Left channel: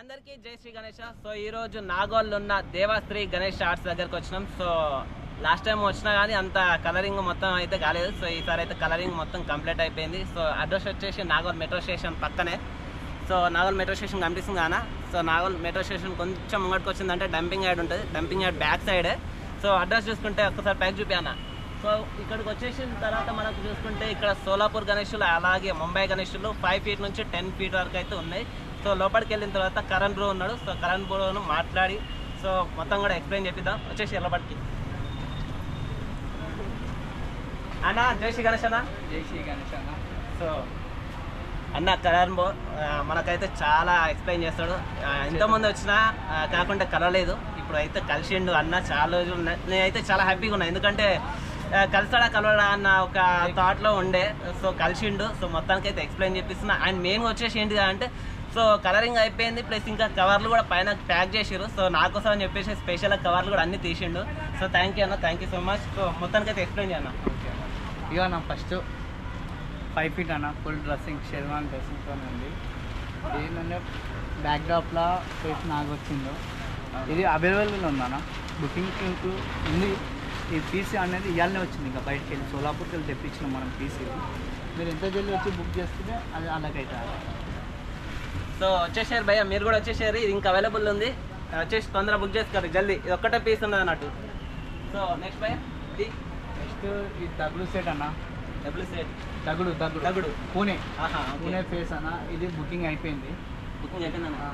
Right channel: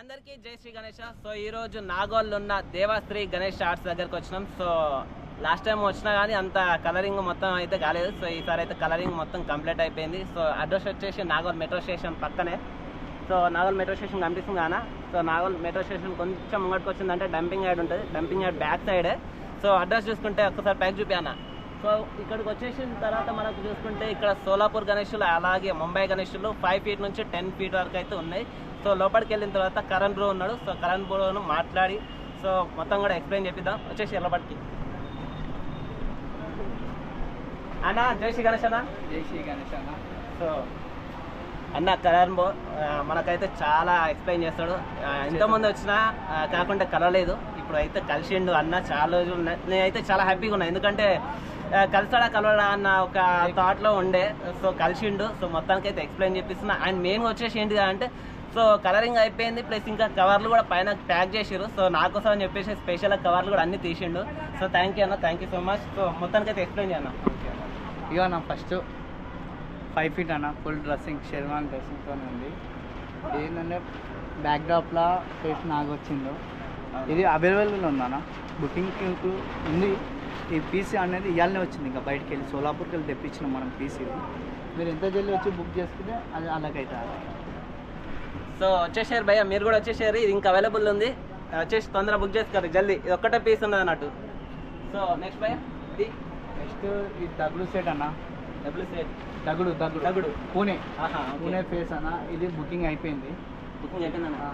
అందరికీ జై శ్రీ గణేష. సో ఈరోజు నాగోల్లో ఉన్న దేవాశ్రీ గణేష్ ఆర్ట్స్ దగ్గరకు వచ్చినాం. సో లాస్ట్ టైం వచ్చినా కానీ అంత కలరింగ్ మొత్తం అయితే కాలేదు. సో ఈసారి అయితే కలరింగ్ మొత్తం కంప్లీట్ అయిపోయింది. సో అడ్రస్ వచ్చేసి నాగోల్ మెట్రో స్టేషన్ పక్కనే. సో నాగోల్ మెట్రో స్టేషన్ కనిపిస్తుంది కానా. సో నాగోల్ మెట్రో స్టేషన్ కొంచెం ముంగడికి వచ్చిందంటే డంపింగ్ యార్డ్ ఉంటుంది. డంపింగ్ యార్డ్ బ్యాక్ సైడే. సో అడ్రస్ చూసుకుంటే ఒక్కసారి ప్యాక్ చూపానా. సో ఇక్కడికి వచ్చేసిన తర్వాత మనకు చూసుకుంటే ఇక్కడ సోలాపూర్ గణేషులు అలాగే ముంబై గణేషులు 5 feet నుంచి 10 feet వరకు అయితే ఉన్నాయి. సో లోపలికి వెళ్ళిన తర్వాత కరణ్ బ్రో ఉన్నాడు. సో కరణ్ బ్రోను మాట్లాడి సో మొత్తం కూడా ఎక్స్ప్లెయిన్ చేపిద్దాం. వచ్చేసి లోపలికి అన్న. జై శ్రీ గణేష్ అన్న. జై శ్రీ గణేష్ అన్న. సో అన్న కరణ్ బ్రో మనకైతే చాలా ఎక్స్ప్లెయిన్ చేస్తాడు. ఇంతమంది వచ్చినా కాకుండా కలవలేదు, ఇప్పుడు అయితే కలిసిండు అన్న. చాలా రోజులు నేనైతే చాలా హ్యాపీగా ఉన్నా, ఎందుకంటే కలిసాడా కలవడా అన్న ఒక థాట్లో ఉండే. సో కలిసిండు. సో మొత్తానికి అయితే ఎక్స్ప్లెయిన్ చేపిస్తున్నా. అండ్ మెయిన్గా వచ్చేసి ఏంటిది అంటే సో కలరింగ్ అయిపోయింది, ప్లస్ ఇంకా కవర్లు కూడా పైన ప్యాక్ చేసారు. సో నాకోసం అని చెప్పేసి స్పెషల్ కవర్లు కూడా అన్ని తీసిండు. సో థ్యాంక్ యూ అన్న, thank you so much. So మొత్తానికి అయితే ఎక్స్ప్లెయిన్ చేయన్న. ఓకే అన్న. ఇక అన్న ఫస్ట్ 5 feet అన్న, ఫుల్ డ్రెస్సింగ్ షెర్వాన్ డ్రెస్సింగ్తో ఉంది. ఏంటంటే బ్యాక్డ్రాప్లో ఫేస్ నాకు వచ్చిందో ఇది అవైలబుల్ ఉందన్న. బుకింగ్ ఉంది. ఈ పీసీ అనేది ఇవాళనే వచ్చింది, ఇంకా బయటకు వెళ్ళి సోలాపూర్కి వెళ్ళి తెప్పించినాం మనం పీసీ. మీరు ఎంత జల్దీ వచ్చి బుక్ చేస్తుంటే అది అలాగైతే. సో వచ్చేసారు భయ్య, మీరు కూడా వచ్చేసారు. ఇది ఇంకా అవైలబుల్ ఉంది, వచ్చేసి తొందరగా బుక్ చేసుకోరు జల్దీ. ఇది ఒక్కటే పీస్ ఉన్నది అన్నట్టు. సో నెక్స్ట్ భయ్య ఇది నెక్స్ట్ ఈ దగుడు సెట్ అన్న. డబ్ల్యూ సెట్ దగుడు దగుడు దగుడు పూణే ఆహా పూణే ఫేస్ అన్న. ఇది బుకింగ్ అయిపోయింది. బుకింగ్ అయిపోయిందన్న.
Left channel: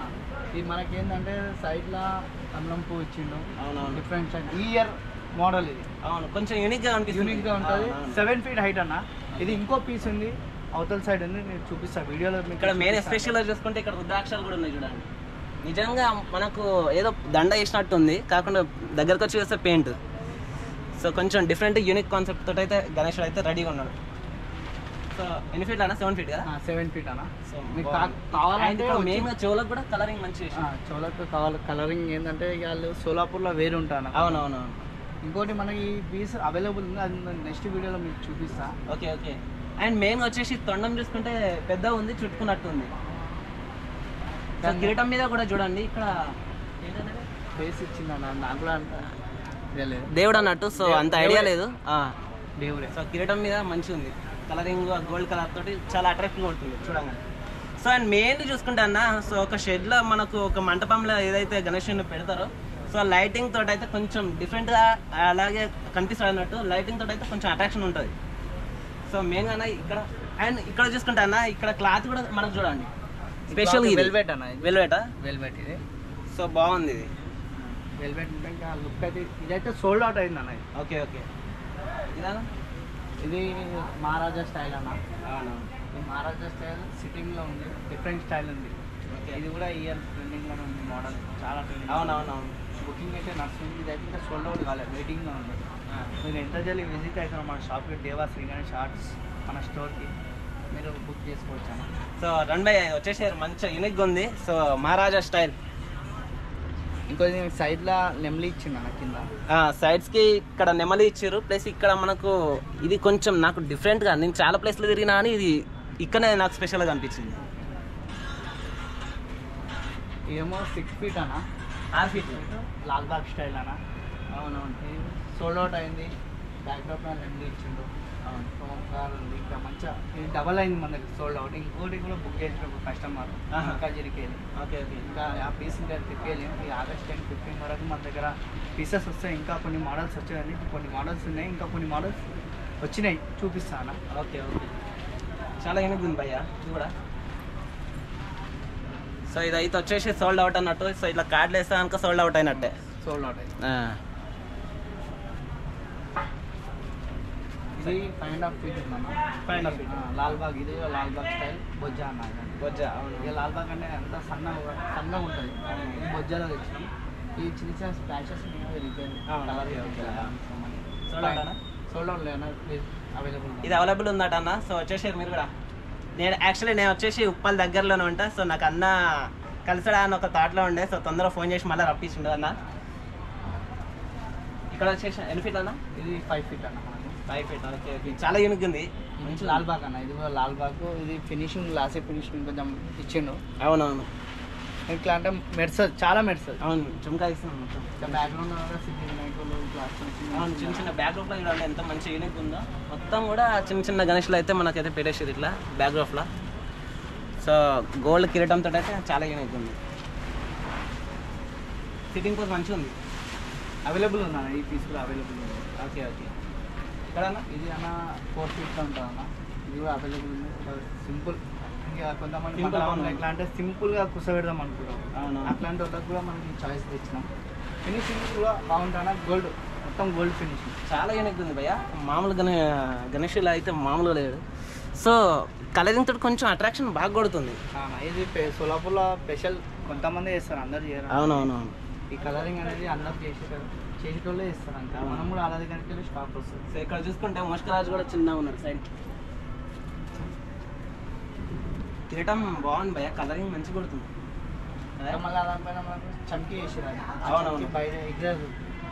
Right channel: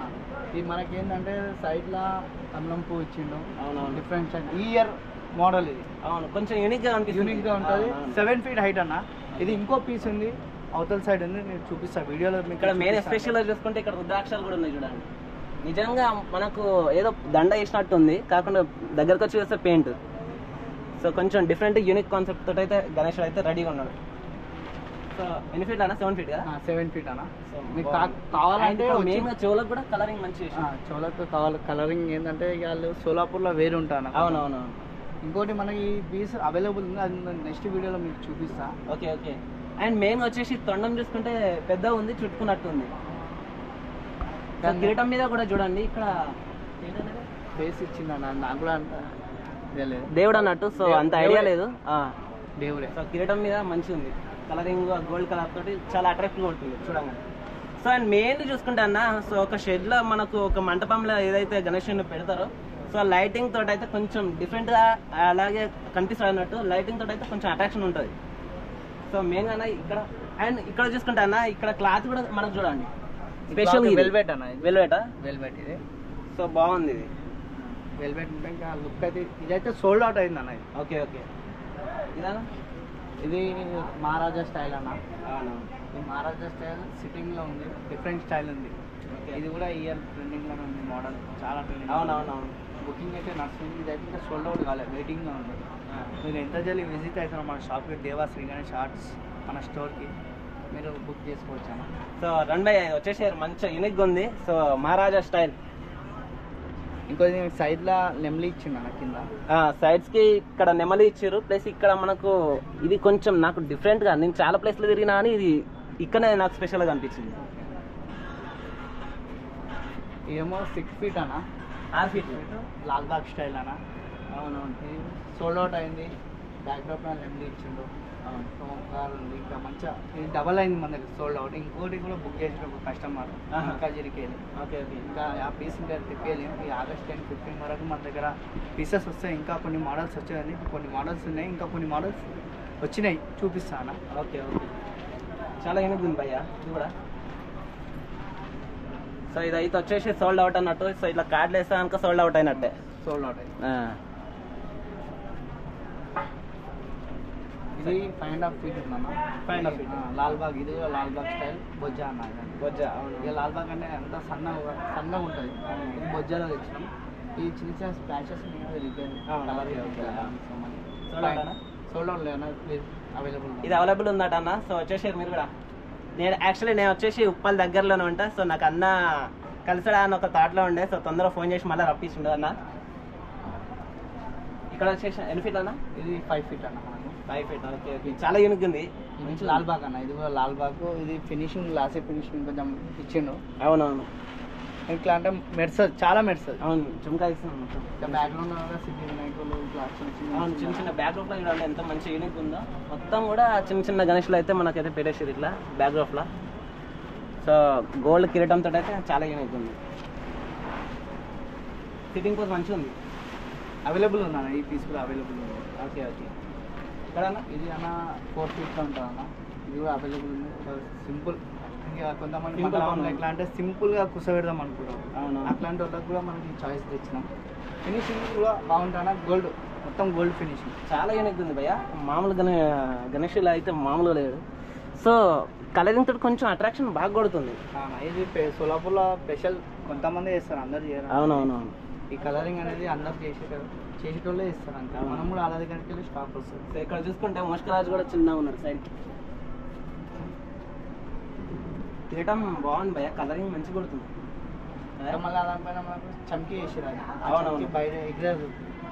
ఇది మనకేంటంటే సైడ్లో కమలం పువ్వు ఇచ్చిండు. అవునవును, డిఫరెంట్ సైడ్ ఈ ఇయర్ మోడల్. ఇది అవును, కొంచెం యూనిక్గా అనిపిస్తుంది. యూనిక్గా ఉంటుంది. 7 feet హైట్ అన్న. ఇది ఇంకో పీస్ ఉంది, అవతల సైడ్ ఉంది, నేను చూపిస్తా వీడియోలో. ఇక్కడ మెయిన్ ఎస్పెషల్గా చూసుకుంటే ఇక్కడ రుద్రాక్షలు కూడా ఉన్నాయి చూడండి. నిజంగా మనకు ఏదో దండ వేసినట్టు ఉంది, కాకుండా దగ్గరకు వచ్చి చూస్తే పెయింట్. సో కొంచెం డిఫరెంట్ యూనిక్ కాన్సెప్ట్ తోటి అయితే గణేష్ అయితే రెడీగా ఉన్నాడు. సో ఎన్ని ఫీట్ అన్న? 7 feet కదా. 7 feet అన్న. సో మీకు కావాలంటే మెయిన్గా చెవులకు కూడా కలరింగ్ మంచి చోలకు కావాలి. కలరింగ్ ఏంటంటే వాళ్ళు సోలాపూర్లో వేరు ఉంటాను. అవునవును. ఇంకోటి మనకి ఈ పీస్ అవైలబుల్ ఉంది, అది నెక్స్ట్ వీడియోలో మీకు చూపిస్తా. Okay okay. అండ్ మెయిన్గా వచ్చేసి తొండం చూసుకుంటే పెద్ద ఉంది, చుట్టుకున్నట్టు ఉంది. కిరీటం మీద కూడా చూడండి ఇక్కడ ఫేస్ ఇచ్చిందన్న. నాకు కూడా అంత తెలియదు, దేవుడు అన్నట్టు. సో అంత ఐడియా లేదు. దేవుడే. సో కిరీటం మీద మంచిగా ఉంది, కలరింగ్ గోల్డ్ కలర్ తోటి చాలా అట్రాక్టివ్గా ఉంటుంది చూడండి. సో అండ్ మెయిన్ చూసుకుంటే అన్న, సో ఒక షెడ్లో మనకు ఒక మంటపంలో ఏదైతే గణేషుని పెడతారో సో లైటింగ్ తోటి అయితే కొంచెం డిఫరెంట్గా అలాగే కనిపిస్తాడు అన్నట్టు. లైటింగ్ తోటి అయితే కొంచెం అట్రాక్షన్ ఉంటుంది. సో మెయిన్గా ఇక్కడ అండ్ ఇక్కడ చూసుకుంటే అన్న, ఇక్కడ క్లాత్ కూడా మనకు చూడండి స్పెషల్ వెల్వెట్ అన్న. వెల్వెటా? వెల్వెట్ ఇది. సో బాగుంది ఇది. వెల్వెట్ ఉంటే ఇంకా లుక్ అయితే ఇదైతే సోల్డ్ అవుట్ అయింది అన్న. ఇది ఓకే ఓకే. ఇదానా? ఇది మహారాజా స్టైల్ అన్న. అవును, ఈ మహారాజా స్టైల్ సిట్టింగ్లో ఉంది, డిఫరెంట్ స్టైల్ ఉంది. ఇది కూడా ఇయర్ ట్రెండింగ్లో ఉంది మోడల్, చాలా ట్రెండింగ్. అవునవునవును. బుకింగ్ అయితే నడుస్తుంది. ఇది అయితే ఇంకా సోల్డ్ అవుట్ కాలేదు, వెయిటింగ్లో ఉంది. మీరు ఎంత జల్దీ విజిట్ అవుతారో మన షాప్కి, దేవాశ్రీ గణేష్ ఆర్ట్స్ మన స్టోర్కి, మీరు బుక్ చేసుకోవచ్చు అన్న. సో రన్ బై వచ్చేసారు, మంచిగా యూనిక్గా ఉంది. సో మహారాజా స్టైల్. ఇంకొంచెం సైడ్లో నెమలి ఇచ్చింది అన్న కింద. సైడ్స్కి ఇక్కడ నెమలి ఇచ్చారు, ప్లస్ ఇక్కడ మనకు ఇది కొంచెం నాకు డిఫరెంట్గా, నేను చాలా ప్లేస్లో తిరిగినా కానీ ఇది ఇక్కడనే నాకు స్పెషల్గా అనిపించింది. ఏమో 6 feet అన్న. 6 feet లాల్బాగ్ స్టైల్ అన్న. అవునవును. ఇది సోల్డ్ అవుట్ అయింది. బ్యాక్డ్రాప్ నెమలి ఇచ్చిండు. కార్ ఉంది ఇంకా మంచిగా. ఇది డబల్ అయింది మన దగ్గర సోల్డ్ అవుట్. ఇంకోటి కూడా బుక్ చేసిన ఒక కస్టమర్ కజిరికి వెళ్ళి. Okay okay. ఇంకా ఆ పీస్ ఇంకా తిప్పేయలేము. ఈ August 10, 15 వరకు మన దగ్గర పీసెస్ వస్తాయి. ఇంకా కొన్ని మోడల్స్ వచ్చాయండి, కొన్ని మోడల్స్ ఉన్నాయి, ఇంకా కొన్ని మోడల్స్ వచ్చినాయి, చూపిస్తాను. Okay okay. చాలా యూనిక్ ఉంది భయ్య ఇది కూడా. సో ఇదైతే వచ్చేసి సోల్డ్ అవుట్ అన్నట్టు. సో ఇట్లా కార్డులు వేస్తే కనుక సోల్డ్ అవుట్ అయినట్టే. సోల్డ్ అవుట్ అయింది. ఇది 5.5 feet ఉందన్న. 5.5 feet. లాల్బాగ్. ఇది లాల్బాగ్ స్టైల్ బొజ్జా అన్న. బొజ్జా. అవును. ఇక లాల్బాగ్ అంటే అంత సన్నగా ఉంటుంది. ఇది బొజ్జాలో తెచ్చినాం. ఈ చిన్న చిన్న స్పాచెస్ రిపేర్ సోల్డ్ అవుట్ లేదన్న. అవైలబుల్. ఇది అవైలబుల్ ఉందట అన్న. సో వచ్చేసారు మీరు కూడా. నేను వచ్చేసి ఉప్పల్ దగ్గరలోనే ఉంటా. సో నాకు అన్న కలిసడా అని ఒక థాట్లో ఉండే. సో తొందరగా ఫోన్ చేసి మళ్ళీ రప్పించిండు అన్న. ఇక్కడ వచ్చేసి ఎన్ని ఫీట్ అన్న? ఇది 5 feet అన్న. 5 feet. Okay okay. చాలా యూనిక్ ఉంది. మంచి లాల్బాగ్ అన్న. ఇది కూడా లాల్బాగ్. ఇది ఫినిషింగ్ గ్లాసీ ఫినిషింగ్ కొంచెం ఇచ్చిండు. అవునవును. ఇట్లా అంటే మెరుస్తుంది, చాలా మెరుస్తుంది. అవును చుమ్కా ఇస్తున్నాం మొత్తం. ఇంకా బ్యాక్గ్రౌండ్ సిటీ వినాయకులు ఇట్లా అవును చిన్న చిన్న బ్యాక్గ్రౌండ్లో చూడాలి ఎంత మంచి యూనిక్ ఉందో. మొత్తం కూడా చిన్న చిన్న గణేష్లు అయితే మనకైతే పెట్టేసేది ఇట్లా బ్యాక్గ్రౌండ్లో. సో గోల్డ్ కిరీటంతో అయితే చాలా యూనిక్ ఉంది. సిట్టింగ్ పోజ్ మంచిగా ఉంది. అవైలబుల్ ఉందన్న, ఈ పీస్ కూడా అవైలబుల్ ఉంది. Okay okay. ఇక్కడ ఇది అన్న 4 feet ఉంటుంది అన్న, ఇది కూడా అవైలబుల్ ఉంది. సింపుల్, ఇంకా కొంతమంది Simple ఎట్లా అంటే సింపుల్గా కూర్చోబెడదాం అనుకుంటాం, అవును. అట్లాంటి వాళ్ళకి కూడా మనకి చాయిస్ తెచ్చినాం. ఫినిషింగ్ కూడా బాగుంటుంది అన్న, గోల్డ్ మొత్తం గోల్డ్ ఫినిషింగ్ చాలా యూనిక్ ఉంది భయ్య. మామూలు గణేష్లో అయితే మామూలుగా లేదు. సో కలరింగ్ తోటి కొంచెం అట్రాక్షన్ బాగా కొడుతుంది. ఇది సోలాపూర్లో స్పెషల్, కొంతమంది చేస్తారు, అందరు చేయరు. అవునవునవును. ఈ కలరింగ్ అనేది అందరు చేసేటోళ్ళే ఇస్తారు అంతే. మనం కూడా అలా దగ్గరికి వెళ్ళి స్టాప్ వస్తుంది. సో ఇక్కడ చూసుకుంటే ముష్కరాజు కూడా చిన్నగా ఉన్నాడు సైడ్. కిరీటం బాగుంది భయ్య, కలరింగ్ మంచిగా కొడుతుంది. మళ్ళీ దానిపైన మనకు చమ్కీ వేసారు, అవునవును. బయట ఎగ్జాక్ట్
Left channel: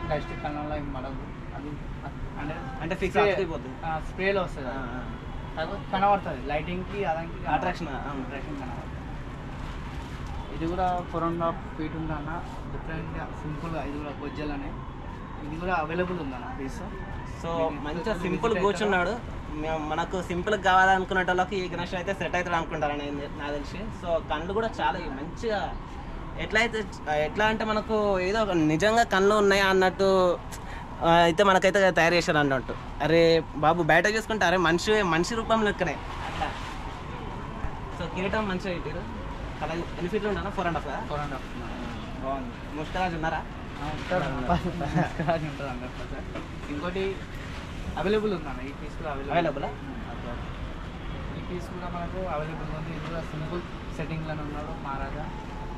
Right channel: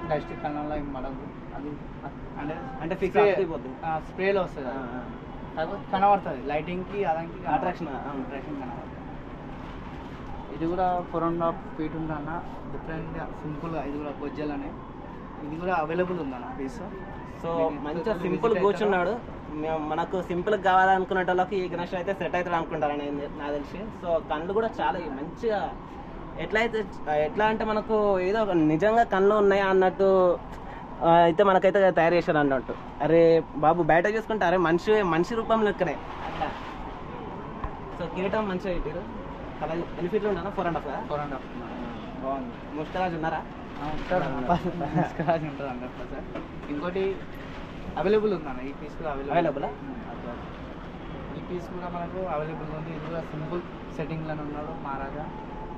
డస్ట్ కళ్ళంలో ఏం పడదు, అది అంటే ఫిక్స్ అయిపోతుంది, స్ప్రేలో వస్తుంది. కాకపోతే కనబడుతుంది లైటింగ్కి, అదానికి అట్రాక్షన్ అట్రాక్షన్ కనబడుతుంది. ఇది కూడా 4.5 feet ఉందన్న, డిఫరెంట్గా సింపుల్గా. ఇది కూడా బొజ్జలనే, ఇది కూడా అవైలబుల్ ఉందన్న పీస్. సో మంచిగా సింపుల్ కూర్చున్నాడు. మనకు సింపుల్ కావాలనుకునే వాళ్ళకి ఈ గణేష్ అయితే సెట్ అవుతాడు అనుకుంటారు నాకు తెలిసి. సో కళ్ళు కూడా చాలా మంచిగా ఎట్లా అంటే మనకు ఏదో ఒక నిజంగా కళ్ళు ఉన్నాయా అన్నట్టు అయితే మనకైతే తయారు చేశారు అన్నట్టు. అరే బాబు బయట చూసుకుంటే అరే మనిషి రూపంలో ఇక్కడే అట్లా. సో కిరీటం మంచిగా పెట్టారు. కలర్ ఎన్ని ఫీట్లు ఉంటాను? 4.5. 4.5 బాగుంది. ముష్కరాజు ఉన్నారా? ఉంటాడు, ఉంటాడు 100%. ఇంకోటి అవైలబుల్ ఉందన్న, ఈ పీస్ కూడా అవైలబుల్. ఈ పీస్ కూడా మనకు అవైలబుల్ ఉంది. ఇది కూడా సింపుల్ సెట్టింగ్లోనే ఉన్నాడు మహారాజా.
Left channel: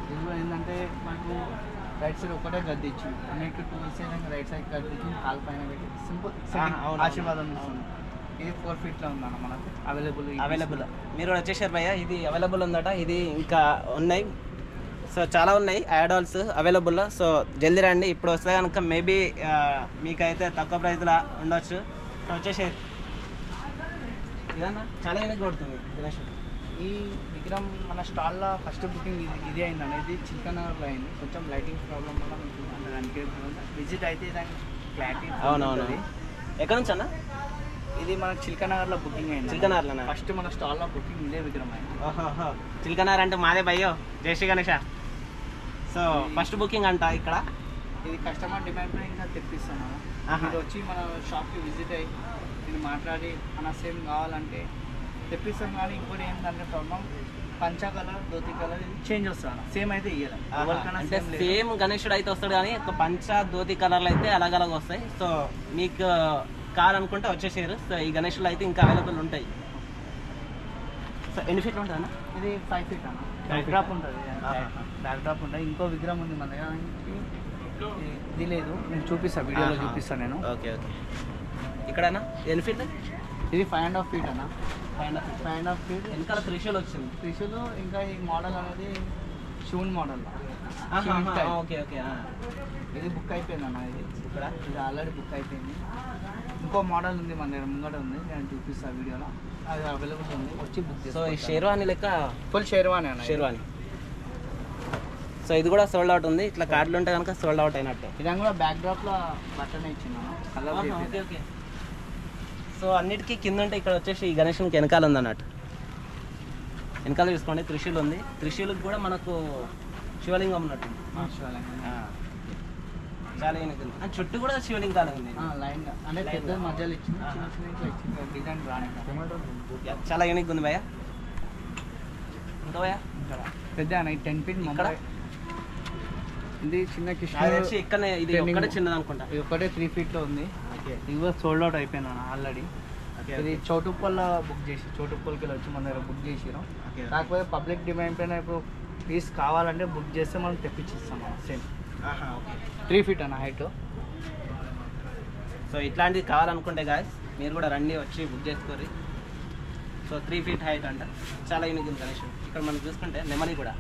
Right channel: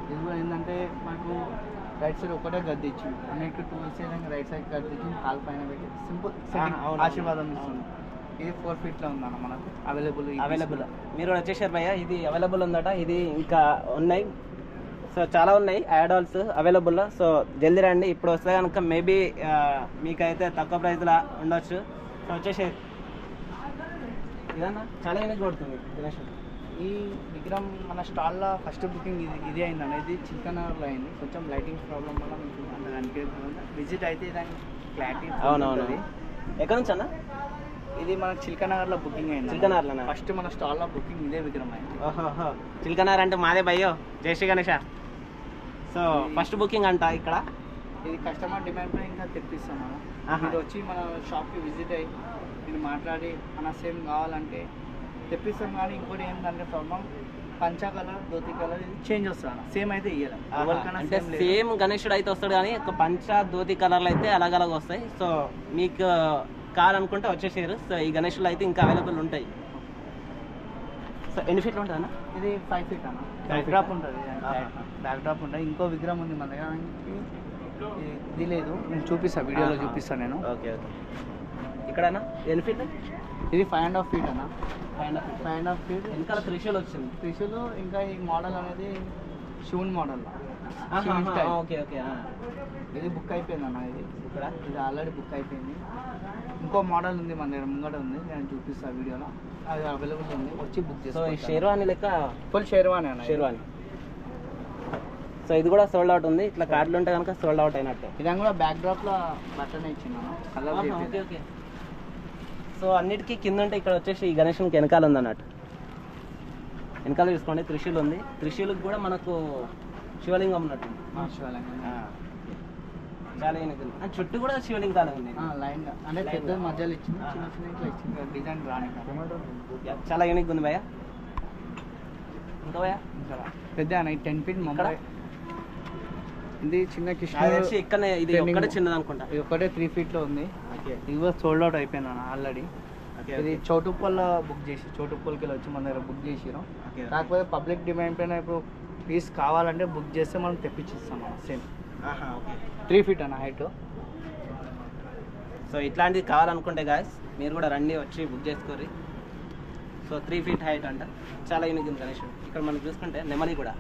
ఇది కూడా ఏంటంటే మనకు రైట్ సైడ్ ఒకటే గద్దె ఇచ్చింది, అన్నిటి 2 సైడ్ రైట్ సైడ్ గద్దె ఇచ్చింది, కాలు పైన పెట్టి సింపుల్ ఆశీర్వాదం ఇస్తుంది. ఇది 4 feetలో ఉందన్న మనకు అవైలబుల్. మీరు కూడా వచ్చేసారు భయ్య, ఇది అవైలబుల్ ఉందట. ఇది ఇంకా ఉన్నాయి, సో చాలా ఉన్నాయి యాడాల్స్ అవైలబుల్. సో జల్దీ రండి, ఇప్పుడు వస్తే కనుక మేబీ మీకైతే తక్కువ ప్రైస్లో ఉండొచ్చు. సో వచ్చేసారు. ఇదన్నా చాలా యూనిక్ కొడుతుంది గణేష్. ఈ విగ్రహం మన స్టాల్లో ఫస్ట్ బుకింగ్ ఇది అయింది అనేది చిల్కనగర్లో అయింది. కొంచెం లైటింగ్ ప్రాబ్లం వల్ల మీకు దానికి విజిట్ అయితే దానికి క్లారిటీ. అవునవును. ఎక్కడ నుంచి అన్న? ఇది మనకు చిల్కనగర్లో బుకింగ్ అయింది. చిల్కనగర్లోనా? ఫస్ట్ మన స్టాల్లో బుకింగ్ ఇదే విగ్రహం అయింది. ఓహో, చిల్కనగర్ అంటే మాదే భయ్యో, జై Shri Ganesha. So first booking అంట ఇక్కడ. ఇది కస్టమర్ డిమాండ్ పై ఇంకా తెప్పిస్తాం మనం. మీరు వచ్చి మన షాప్కి విజిట్ అయ్యి నేను మాట్లాడి మన సేమ్ కావాలంటే తెప్పిస్తాం. కానీ ఇంకోటి ఏంటంటే ప్రాబ్లం, పంచా కలర్ ధోతి కలర్ ఇది చేంజ్ వస్తుంది, సేమ్ అయితే ఇయ్యాలి. అంటే సేమ్ గణేశుడు అయితే వస్తాడు కానీ ఒక పంచ ధోతి కలర్లు అయితే అలాగ వస్తాయి. సో మీకు కావాలనుకుంటే వచ్చేసారు. సో ఈ గణేశులు అయితే ఇంకా అవైలబుల్ ఉంటాయి. సో ఎన్ని ఫీట్లు ఉంటుంది అన్న? ఇది 5 feet అన్న. బ్యాక్ డ్రాప్ ఉంటుంది, బ్యాక్ డ్రాప్ ఉంటుంది. ఇంకో విగ్రహం ఉంది మన దగ్గర, ఇది లేదు, నేను చూపిస్తాను, వీడియోలో చూపిస్తాను నేను. Okay okay. ఇక్కడ ఎన్ని ఫీట్? ఇది 5.5 feet అన్న. 5.5 feet. వెనకాల త్రిశూల్ వచ్చింది. త్రిశూల్ ఇంకా ఈ మోడల్ అనేది శివుని మోడల్. Okay okay. ఇది బుక్ అయిపోయింది అన్న. ఇది ఆల్రెడీ బుక్ అయిపోయింది. ఇంకో మోడల్ ఉంది మన దగ్గర, ముంగట ఉంది, నేను చూపిస్తాను వీడియోలో. అది అవైలబుల్ ఉంది, వచ్చి బుక్ చేసి. సో ఈ షేర్వాణి లెక్క ఫుల్ షేర్వాణి అన్న. షేర్వాణి. సో ఇది కూడా సోల్డ్ అవుట్ ఉంది. ఇట్లా కార్డులు ఉంటే కనుక సోల్డ్ అవుట్ అయినట్టే. ఇది కూడా బ్యాక్ డ్రాప్లో బట్టనే ఇచ్చినాను కలర్. Okay okay. సో అన్నిటికీ కింద ఉంటే ఇక్కడ వచ్చేసి ఈ గణేషునికి వెనకాల ఉంది అన్నట్టు. వెనకాల చూసుకోండి త్రిశూల్ ఉంది. త్రిశూల్కి కూడా మనకు శివలింగం ఉన్నట్టు. శివలింగం చాలా యూనిక్ ఉంది. అండ్ చుట్టూ కూడా శివలింగాలు ఉంది లైన్, అంటే పెద్ద మధ్యలో ఇచ్చింది, చిన్న చిన్న ఇట్లా ఇచ్చింది డిజైన్ రాని. చాలా యూనిక్ ఉంది భయ్య. ఇంకా భయ్య పెద్ద 10 feet ముంబై. ఇది చిన్న కృష్ణ ఇక్కడ ఇది ఒక్కటే చిన్నది అనుకుంటా. ఇది ఒకటే 3 feetలో ఉంది. ఇది కూడా సోల్డ్ అవుట్ అయిపోయింది అన్న ఆల్రెడీ. ఇది చౌటుప్పల్లో బుక్ చేసి, చౌటుప్పల్కి వచ్చి మన దగ్గర బుక్ చేసినాం. కాకపోతే పబ్లిక్ డిమాండ్ పైన ఇప్పుడు పీస్ కావాలంటే బుక్ చేస్తే మనం తెప్పించిస్తాం మనం సేమ్. 3 feet అన్న హైట్. సో ఇట్లాంటిది కావాలనుకుంటే గాయస్ మీరు కూడా రండి, వచ్చి బుక్ చేసుకోరి. సో 3 feet హైట్ అంట, చాలా యూనిక్ ఉంది గణేష్. ఇక్కడ మనం చూసుకుంటే నెమలి కూడా.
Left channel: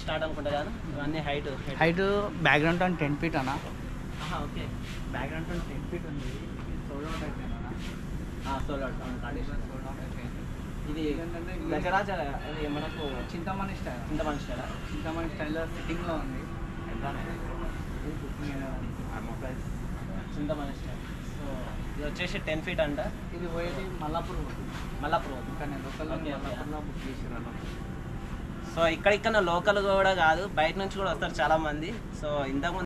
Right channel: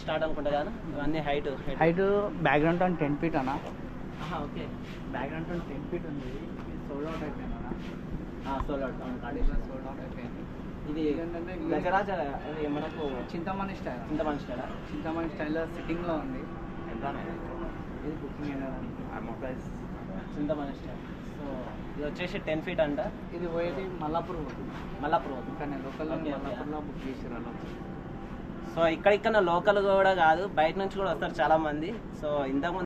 స్టార్ట్ అనుకుంటా కదా ఇవన్నీ హైట్ బ్యాక్గ్రౌండ్ 10 feet అన్న. ఓకే, బ్యాక్గ్రౌండ్ 10 feet ఉంది. సోల్డ్ అవుట్ అయిపోయింది అన్న. Sold out condition sold out అయిపోయింది. ఇది ఏంటంటే గజరాజ ఇది మనకు చింతమణి స్టైల్ స్టైల్ చింతమణి స్టైల్లో సిట్టింగ్లో ఉంది. ఎంత ఇది booking price Chintamani style. So ఇది వచ్చేసి 10 feet అంట. ఇది పోయేది మల్లాపూర్ పోతుంది. మల్లాపూర్ ఇక్కడ లోకల్ మల్లాపూర్లో బుక్ చేసారు అలా. సో ఇక్కడ లోకల్ కూడా కాదు, బయట నుంచి కూడా వస్తారు చాలా మంది. సో ఇంతకుముందు